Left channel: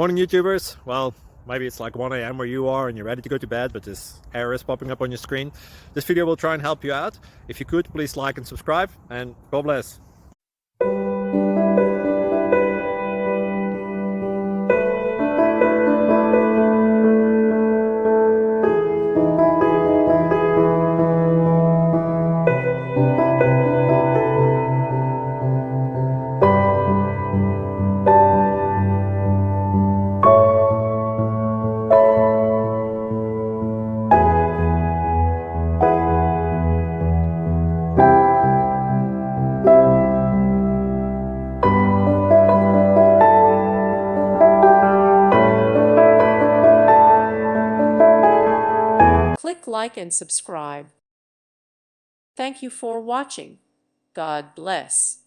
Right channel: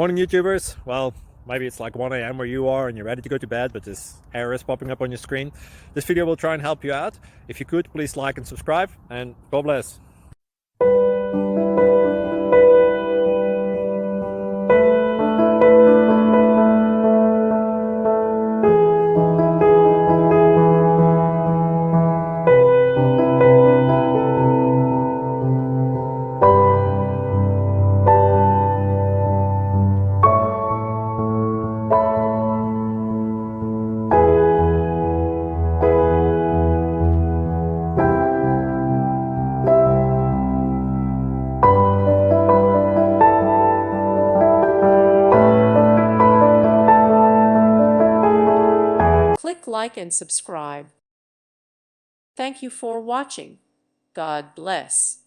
Morning, YouTubers. Well, maybe it's like 1 a.m. where you are and you're ready to go to bed, but this error is popping up on your screen. This video will try and help you out. If you could, please like and subscribe, and God bless. Click like and subscribe. Thank you for watching. God bless.